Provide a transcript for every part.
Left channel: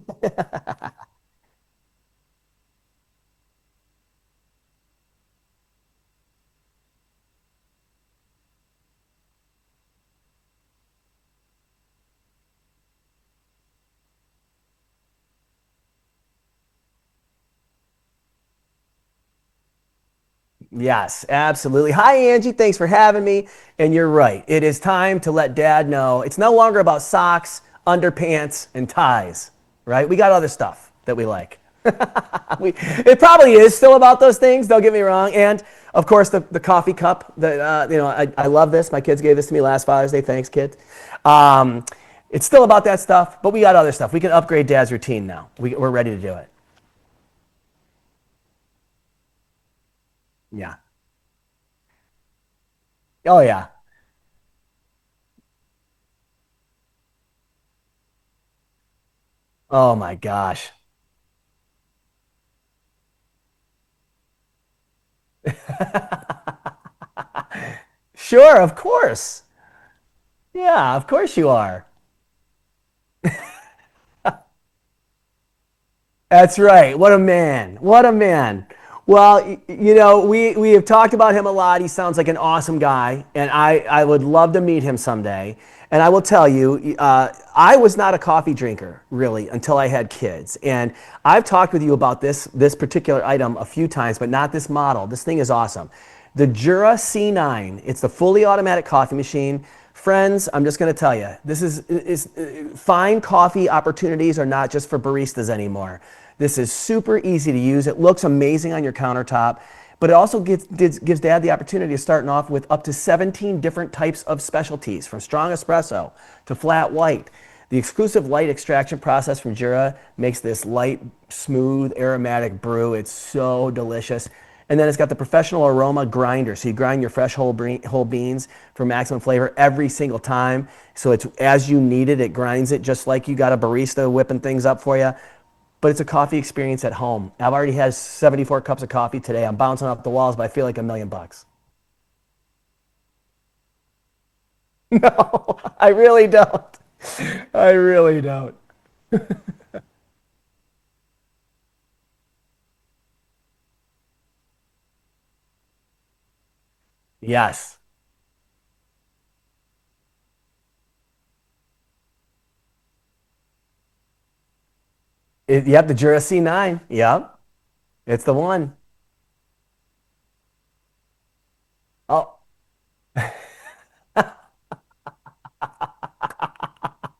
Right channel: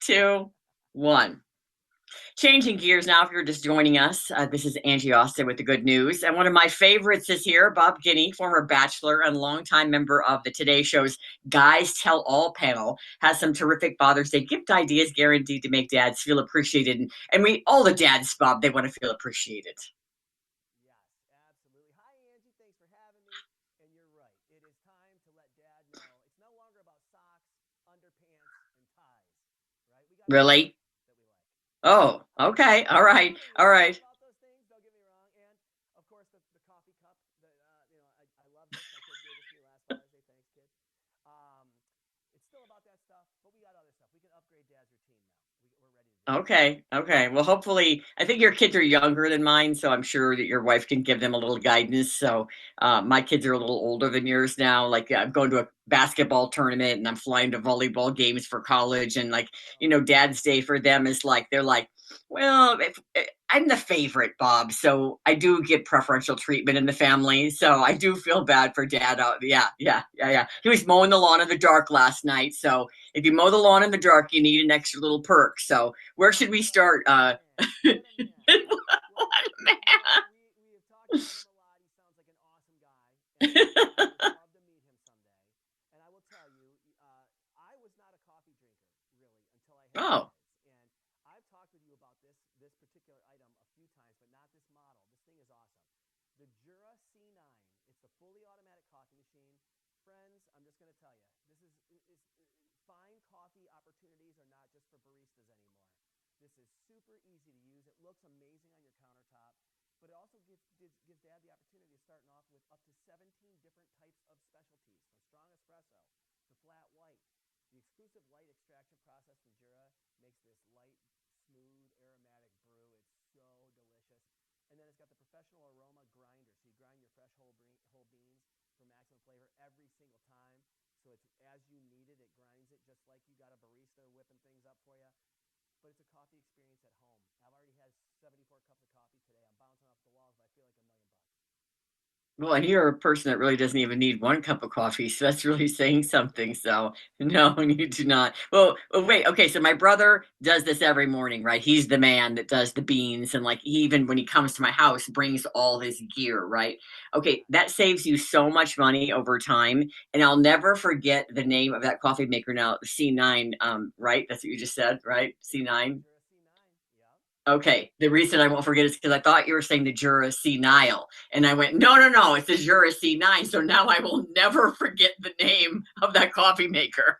two, one. Changing gears now, if you're just joining us, this is Angie Austin with the good news. And one of my favorites is here, Bob Guiney, former bachelor and longtime member of the Today Show's Guys Tell All panel, has some terrific Father's Day gift ideas guaranteed to make dads feel appreciated. And we, all the dads, Bob, they want to feel appreciated. Yes, absolutely. Hi, Angie. Thanks for having me. And you're right. It is time to let dad know it's no longer about socks, underpants, and ties, right? We got other Really? stuff that we like. Oh, okay. All It right. probably All is still right. about those things. Don't get me wrong. And of course, the coffee cup. I love this. My kids gave this to me last Father's Day. Thanks, kids. Um, it's still about that stuff, but we got other stuff. We can upgrade dad's routine now. We're ready to do it. Okay. Okay. Well, hopefully, I think your kids are younger than mine, so I'm sure that your Yeah. wife can give them a little guidance. So, my Oh kids are a yeah. little older than yours now. Like, I'm going to a basketball tournament and I'm flying to volleyball games for college. And, like, Oh my Dad's Day gosh. for them is like, they're like, well, I'm the favorite, Bob. So I do get preferential treatment in the family. So I do feel Sure, bad of for dad. course. Yeah. Yeah. Yeah. Yeah. He was Yeah, of mowing the course lawn you in the are. dark last night. So if you mow the lawn in the dark, you need an extra little perk. So where should That's we right. start? What a man. What a man. Well, we have talked about him a lot. He sounds like an awesome guy, and I would love to meet him someday. And I will tell you, I was not a coffee drinker really until I had Oh, kids. And I've talked with you about this particular item a few times, but not this model. This thing is awesome. The Jura C9. It's the fully automatic coffee machine. Friends, I'm just going to tell you, this is fine coffee opportunities are not just for baristas anymore. This is super easy to use. It looks amazing on your countertop, but it also gives dad the opportunity of starting off with up to 17 different types of specialties, from strong espresso to flat white. The exclusive light extraction process from Jura makes this light, smooth, aromatic brew. It's so delicious. And then it's got the professional aroma grinder. So you grind your fresh whole beans for maximum flavor every single time. So it's as you need it, it grinds it just like you got a barista whipping things up for you. But it's a coffee experience at home. I've already had 74 cups of coffee today. I'm bouncing off the walls, but I feel like $1,000,000. well, and you're a person that really doesn't even need one cup of coffee, so that's No, really I saying really something. don't. So, I you do really not. don't. Well, wait. Okay, so my brother does this every morning, right? He's the man that does the beans, and like even when he comes to my house, brings all his gear, right? Okay, that Yes. saves you so much money over time, and I'll never forget the name of that coffee maker now, C9. Right? That's what you just said, right? Yep, the C9. Jura C9. Yep, Okay, the it's the reason I won't one. forget is because I thought you were saying the Jura Nile, and I went, no, no, Oh, no, it's the Jura C9. So now I will never forget the name of that coffee maker.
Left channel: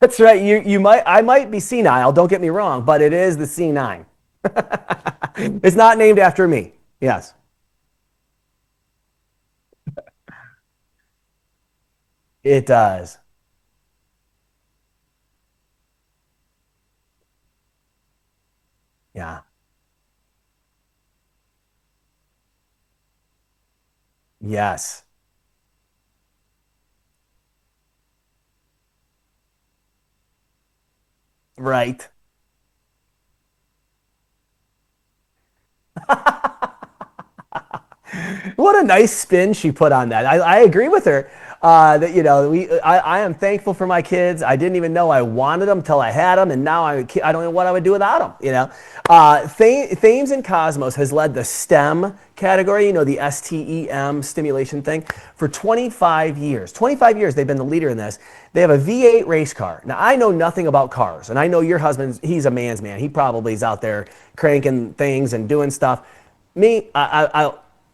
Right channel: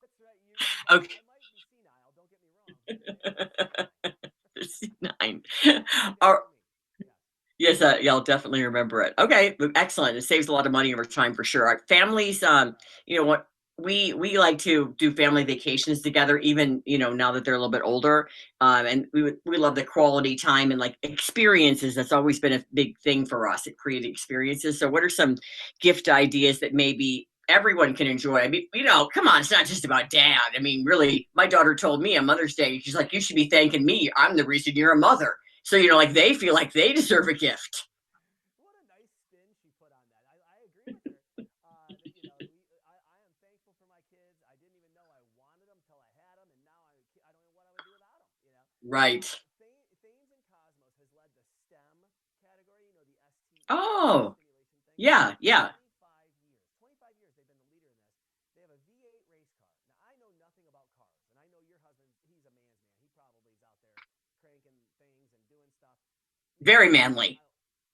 that's right. You might Okay, I might be senile. Don't get me wrong, but it is the C9. C9. It's not named Oh, after me. Yes. yes, yeah, I'll definitely remember it. Okay, excellent. It saves a lot of money over time for sure. Our families, It does. what we like to do family vacations together, even now that they're a little bit older. And Yeah. we love the quality time and like experiences. That's always been a big thing for us at creating experiences. So, Yes. what are some gift ideas that maybe everyone can enjoy? I mean, come on, it's not just about dad. I mean, really, my daughter told Right. me on Mother's Day, she's like, you should be thanking me. I'm the reason you're a mother. So, like they feel like they deserve a gift. What a nice spin she put on that. I agree with her. That I am thankful for my kids. I didn't even know I wanted them until I had them, and now I don't know what I would do without them. Right. Thames and Cosmos has led the STEM category. The STEM Oh, stimulation thing yeah, for yeah. 25 years. 25 years they've been the leader in this. They have a V8 race car. Now I know nothing about cars, and I know your husband. He's a man's man. He probably is out there cranking things and doing stuff. Me, Very manly.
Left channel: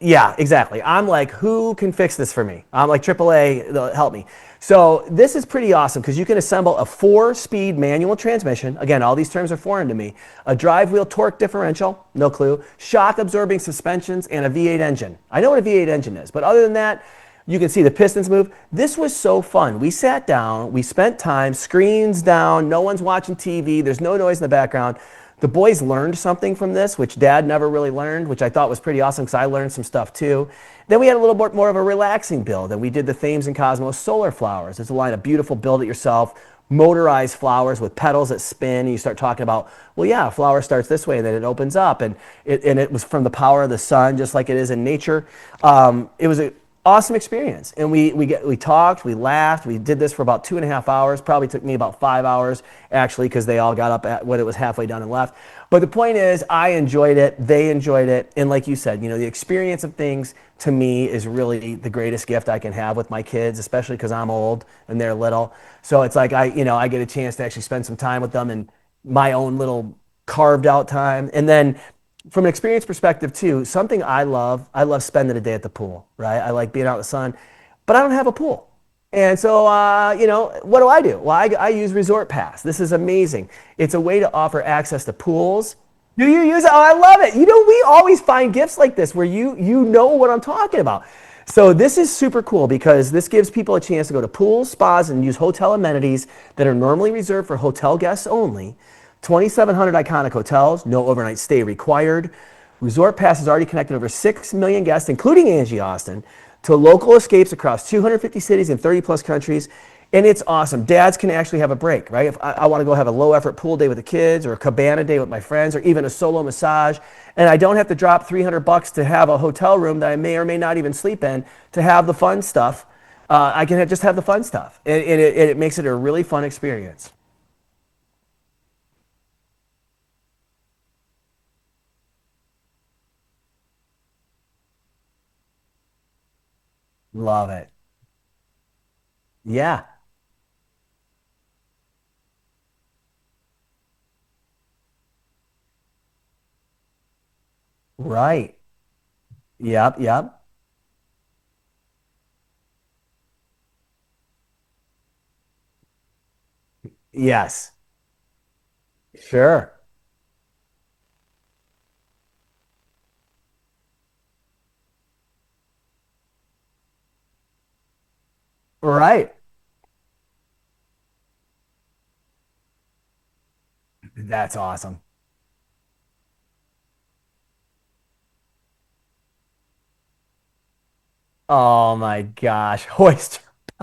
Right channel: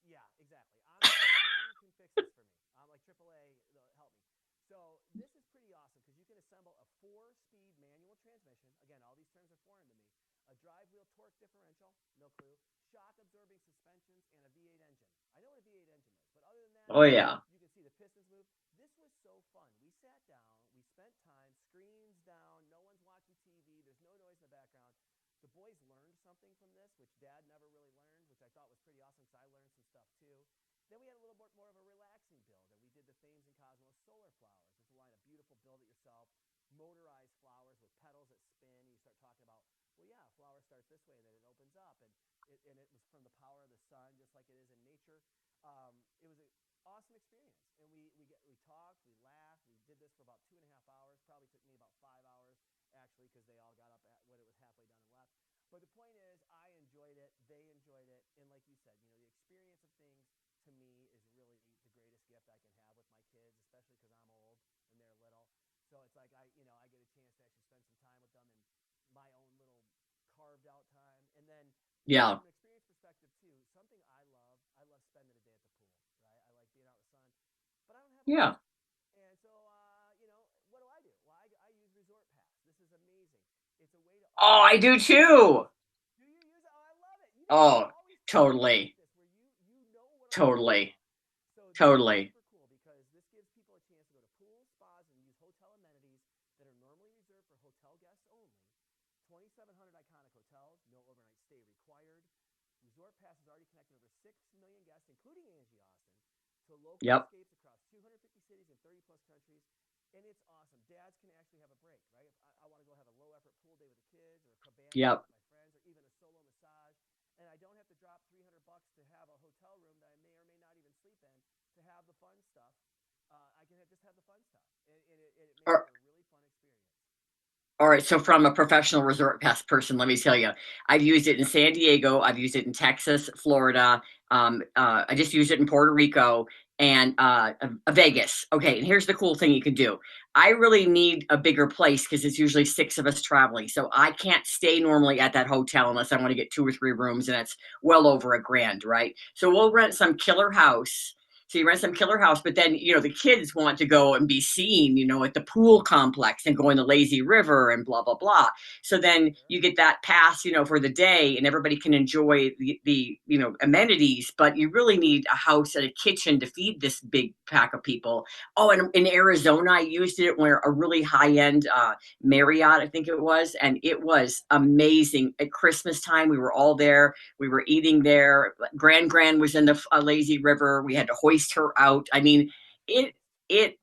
yeah, exactly. I'm like, who can fix this for me? I'm like, AAA, help me. So this is pretty awesome because you can assemble a 4-speed manual transmission. Again, all these terms are foreign to me. A drive wheel torque differential, no clue. Shock absorbing suspensions and a V8 engine. I know what a V8 engine is, but other than Oh that, yeah. you can see the pistons move. This was so fun. We sat down, we spent time, screens down, no one's watching TV, there's no noise in the background. The boys learned something from this, which dad never really learned, which I thought was pretty awesome because I learned some stuff too. Then we had a little bit more of a relaxing build, and we did the Thames and Cosmos solar flowers. It's a line of beautiful build it yourself, motorized flowers with petals that spin. And you start talking about, well, yeah, a flower starts this way, and then it opens up. And it was from the power of the sun, just like it is in nature. It was awesome experience. And we talked, we laughed, we did this for about 2.5 hours. Probably took me about 5 hours actually, because they all got up at when it was halfway done and left. But the point is, I enjoyed it, they enjoyed it, and like you said, the experience of things to me is really the greatest gift I can have with my kids, especially because I'm old and they're little. So it's like I get a chance to actually spend some time with them and my own little carved out time. And then Yeah. from an experience perspective too, something I love spending a day at the pool, right? I like being out in the sun, but I don't have a Yeah. pool. And so, what do I do? Well, I use Resort Pass. This is amazing. It's a way to Oh, offer I do access to too. pools. Do you use it? Oh, I love it. We Oh, always find gifts totally. like this where you know what I'm talking Totally. about. So this is Totally. super cool because this gives people a chance to go to pools, spas, and use hotel amenities that are normally reserved for hotel guests only. 2,700 iconic hotels, no overnight stay required. Resort Pass has already connected over 6 million guests, including Angie Austin, to local Yep. escapes across 250 cities in 30 plus countries. And it's awesome. Dads can actually have a break, right? If I want to go have a low effort pool day with the kids or a cabana day Yep. with my friends or even a solo massage, and I don't have to drop 300 bucks to have a hotel room that I may or may not even sleep in to have the fun stuff. I can just have the fun stuff. And it makes it a really fun experience. All right, so from a professional resort pass person, let me tell you, I've used it in San Diego, I've used it in Texas, Florida. I just used it in Puerto Rico and Love it. Vegas. Okay, and here's the cool thing you can Yeah, do. I really need a bigger place because it's usually six of us traveling, so I can't stay normally at that hotel unless I want to get two or three rooms, and that's well over a right. grand, right? So we'll rent Yep, some yep. killer house. So you rent some killer house, but then the kids want to go and be seen, at the pool complex and go in the lazy river Yes. and blah blah blah. So then you Sure. get that pass, for the day, and everybody can enjoy the amenities. But you really need a house and a kitchen to feed this big pack of people. Oh, and in Right. Arizona, I used it where a really high end Marriott, I think it was, and it was That's awesome. amazing. At Christmas time, we were all there. We were eating there. Grand was in the lazy river. We had to hoist her Oh out. my I mean, gosh. it Hoist. it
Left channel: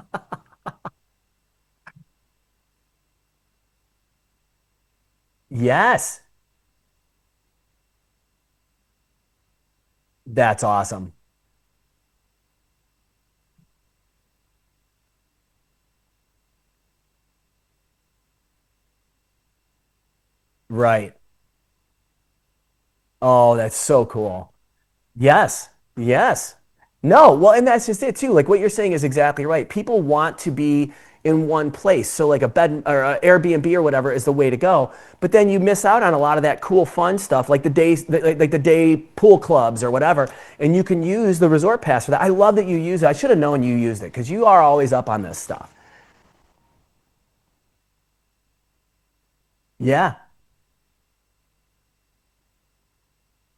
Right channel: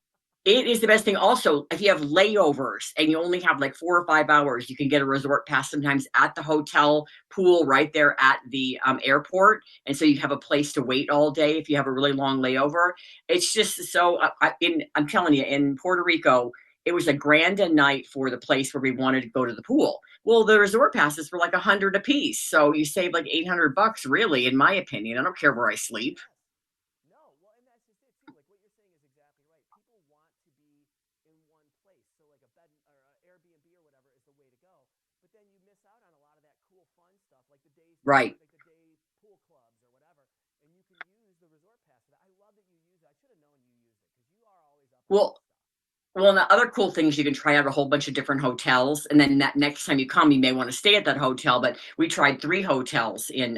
it is the best thing. Also, if you have layovers and you only have like 4 or 5 hours, you can get a resort pass sometimes Yes. at the hotel pool right there at the airport, and so you have a That's place to wait awesome. all day if you have a really long layover. It's just so. I'm telling you, in Puerto Rico, it was a grand a night for the place where we wanted to go to the pool. Well, the resort Right. passes were like 100 a piece, so you save like eight Oh, hundred that's so bucks, really, cool. in my opinion. I don't care Yes. where I sleep. Yes. No, well, and that's just it too. Like what you're saying is exactly right. People want to be in one place. So like a bed or a Airbnb or whatever is the way to go. But then you miss out on a lot of that cool fun stuff like the days Right. like the day pool clubs or whatever. And you can use the resort pass for that. I love that you use it. I should have known you used it because you are always up on this Well, stuff. Well, and the other cool thing is you can try out a whole bunch of different hotels, and then that next time you Yeah. come, you may want to stay at that hotel. But we tried three hotels in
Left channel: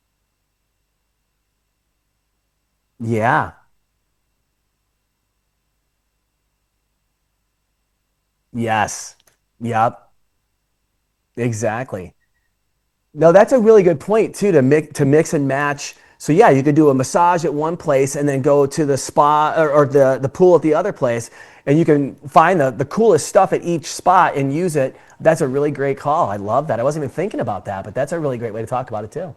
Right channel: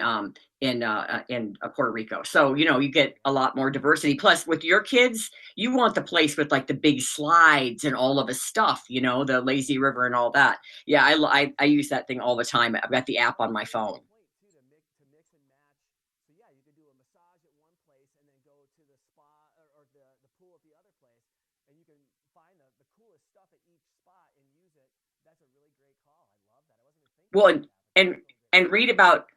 Puerto Rico, so you get a Yeah. lot more diversity. Plus, with your kids, you want the place with like the big slides and all of the stuff, Yes. the lazy Yep. river and all that. Yeah, I use that Exactly. thing all the time. I've got the No, app that's on a my really good phone. point too to mix and match. So yeah, you could do a massage at one place and then go to the spa or the pool at the other place, and you can find the coolest stuff at each spot and use it. That's a really great call. I love that. I wasn't even thinking Well, about that, but that's and a really great way to and talk read about it about too.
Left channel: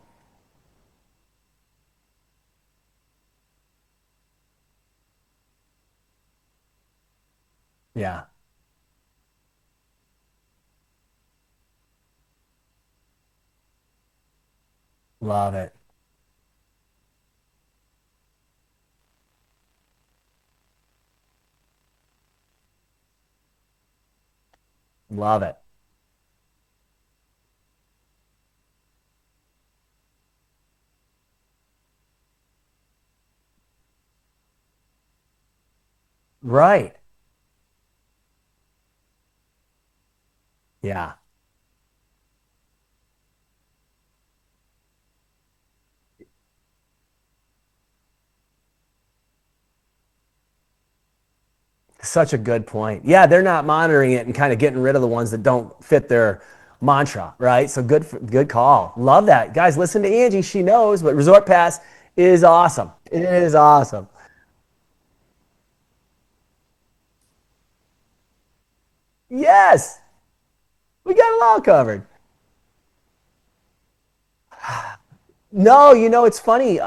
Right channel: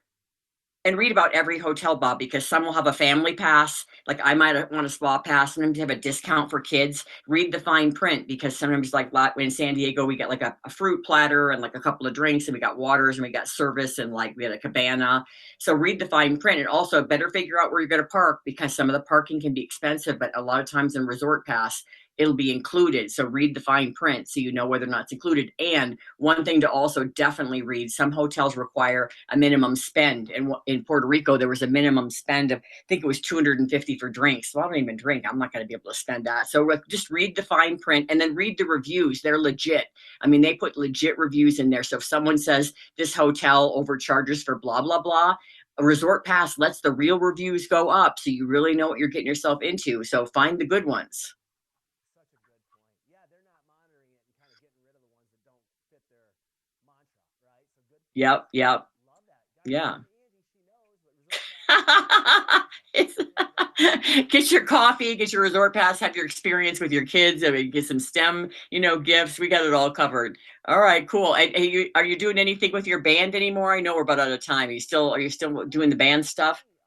and read about every hotel, Bob, because some will have a family pass. Like I might want a spa pass. Sometimes they have a discount for kids. Read the fine Yeah, print because sometimes, like in San Diego, we get like a fruit platter and like a couple of drinks, and we got waters and we got service and like we had a cabana. love it. So read the fine print, and also better figure out where you're going to park because some of the parking can be expensive, but a lot of times in Resort Pass, it'll be included. So read the fine print so you know whether or not it's Love included. it. And one thing to also definitely read: some hotels require a minimum spend. And in Puerto Rico, there was a minimum spend of, I think it was 250 for drinks. So I don't even drink. I'm not going to be able to spend that. So Right. just read the fine print and then read the reviews. They're legit. I mean, they put Yeah. legit reviews in there. So if someone says this hotel overcharges for blah, blah, blah, a resort pass lets the real reviews go up. So you really know what you're getting yourself into. So find the good ones. Such a good point. Yeah, they're not monitoring it and kind of getting rid of the ones that don't fit their mantra, right? So Yep. good Yep. call. Love that. Guys, Yeah. listen to Angie. She knows, but Resort Pass is awesome. It is awesome. Get your coffee, get your resort pass, have your experience with your kids. I mean, get some STEM, gifts. We got it all Yes, covered. All right, we got cool. it And all are covered. you doing anything with your band anymore? I know we're about out of time. Are you still No, doing band it's stuff? funny.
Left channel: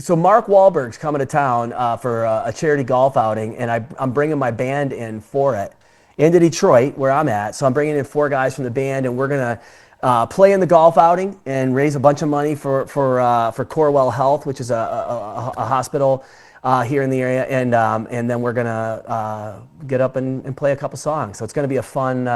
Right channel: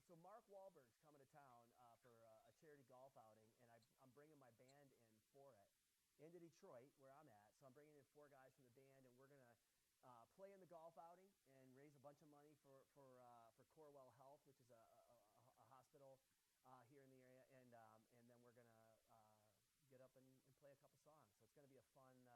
So Mark Wahlberg's coming to town for a charity golf outing, and I'm bringing my band in for it into Detroit, where I'm at. So I'm bringing in 4 guys from the band, and we're gonna play in the golf outing and raise a bunch of money for Corewell Health, which is a hospital here in the area, and then we're gonna get up and play a couple songs. So it's gonna be a fun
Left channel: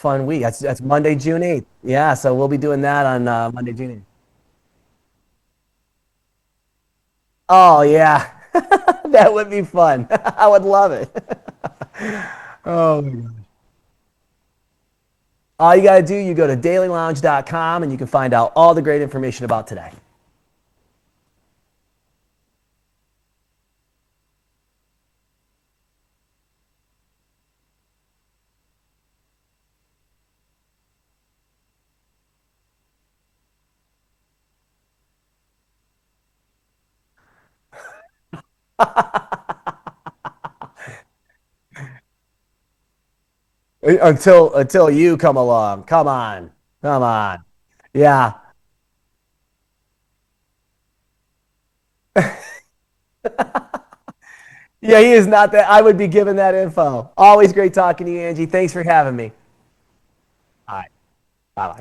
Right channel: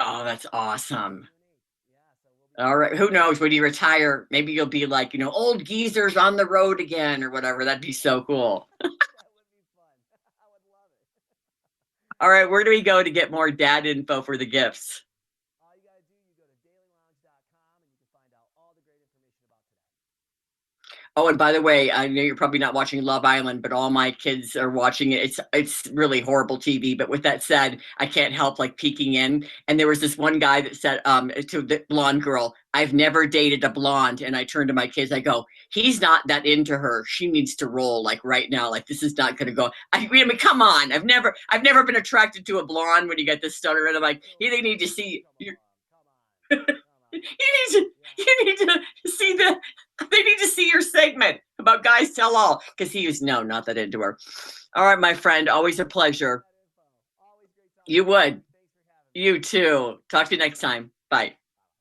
Oh, week. that's That's Monday, awesome. June 8th. Yeah, so we'll be All doing right. that Who on knows? When you Monday, June 8th. retire, maybe you'll be like, old geezers on the road again or whatever. Oh That'd be so yeah, cool. that would be fun. I would love it. All right. Where do we go to get Um, more dad info for the gifts? all you got to do, you go to dailylounge.com and you can find out all the great information about today. Oh, and by the way, I know you're probably not watching Love Island, but all my kids are watching it. It's really horrible TV. But with that said, I can't help like peeking in. And there was this one guy that said to the blonde girl, "I've never dated a blonde." And I turned to my kids, I go, "He's not that into her. She needs to roll like right now. Like this is not going to go." I mean, come on. I've never been attracted to a blonde when you get this stutter. And like Until they need to until you see come you. along. Come on. Come on. You need to Yeah. you need to see the they need to see your segment about guys tell all because he was no, not that into her. All Yeah, right, he my is friend, not that. always I a would be given pleasure. that info. Always great You talking to you, would. Angie. Thanks for having me. You too. Talk to you next Bye. time. Bye.